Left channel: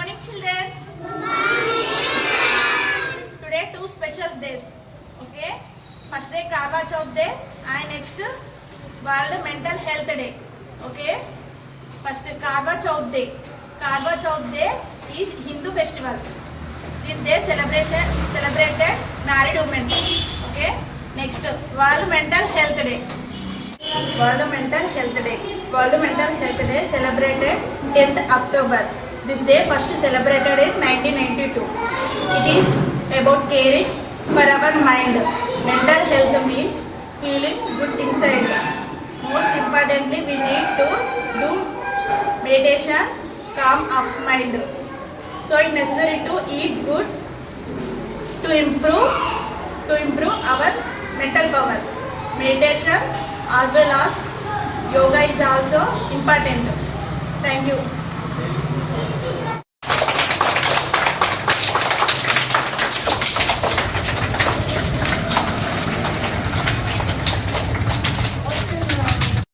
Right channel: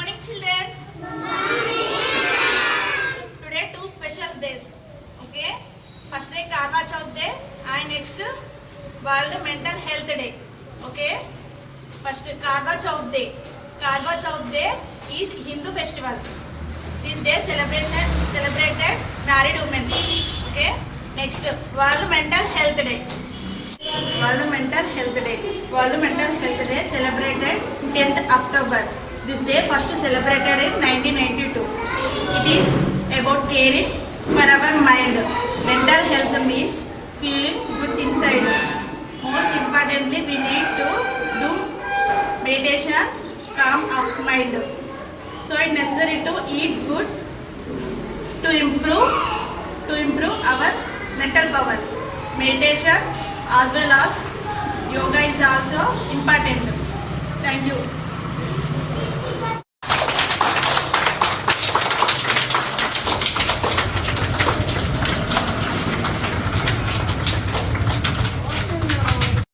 morning, children. Today two special days. Okay. First day Karwa Chauth day and next World Mental Health Day. Okay. First Karwa Chauth day. Karwa Chauth day is Hindu festival. This day celebrated married women. Okay. Next World Mental Health Day. World Mental Health Day. World Mental Health Day celebrated 10th October. This day first celebrated in 1992. It is about caring for our mind. Mental health means feeling good inside. Most importantly, we need to do meditation, calm our mind. So it's necessary to eat good to improve our mental power. Meditation as well as yoga is also important. Thank you.